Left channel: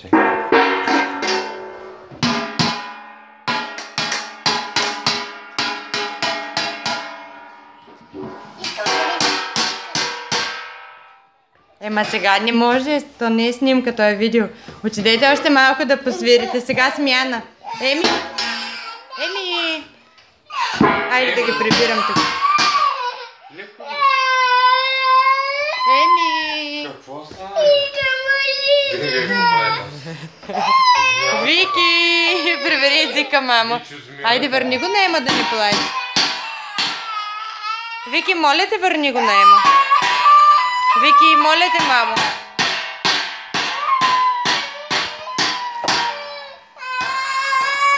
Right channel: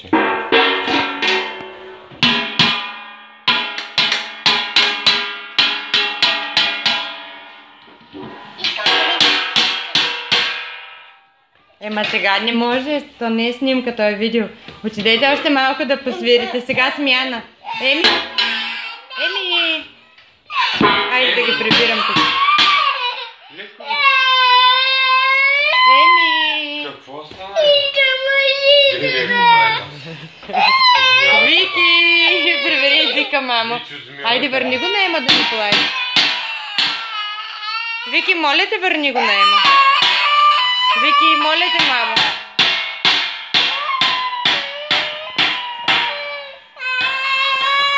Чакай. Ема сега не може, то не е снимка, то е видео. Отидете още малко да посвирите. Сега смяна. Еми! Еми! Айде да ги прибирам тук. Еми! Какво става? Вики! Прибери езика, мамо. Айде, върни го на Ема да ни плаче. Вики, моля те, върни го на Ема. Вики, моля те, мамо.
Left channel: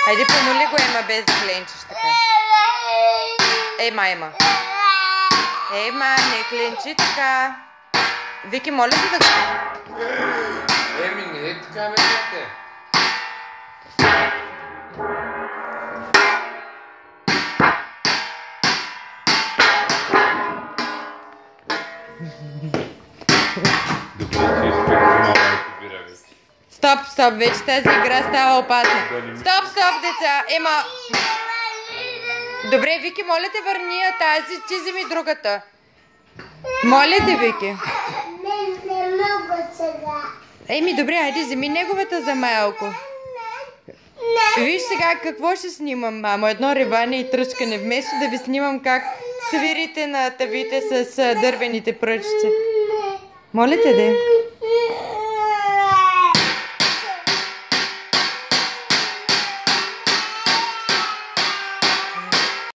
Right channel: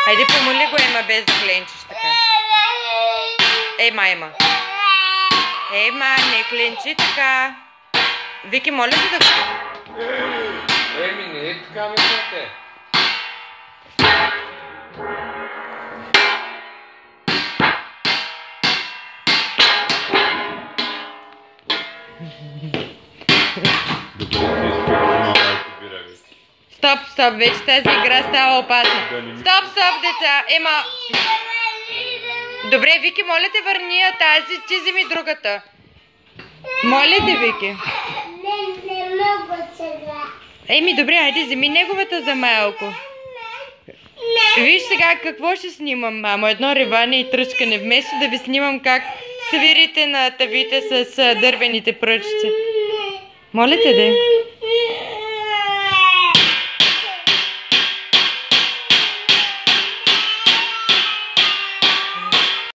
Хайде, помоли го, Ема, без да кленчиш така. Ема. Ема, не кленчи така. Вики, моля те да го... Еми, не е така, бе, дете. Стоп, вече тази игра става опасна. Стоп, деца. Ема... Добре, Вики, моля те, върни я тази, ти вземи другата. Моля те, Вики. Не мога сега. Еми, добре, айде, вземи неговата за малко. Виж сега какво ще снимам, мамо. Едно реване и тръскане. Вместо да ви снимам как свирите на тавите с дървените пръчици. Моля те, де.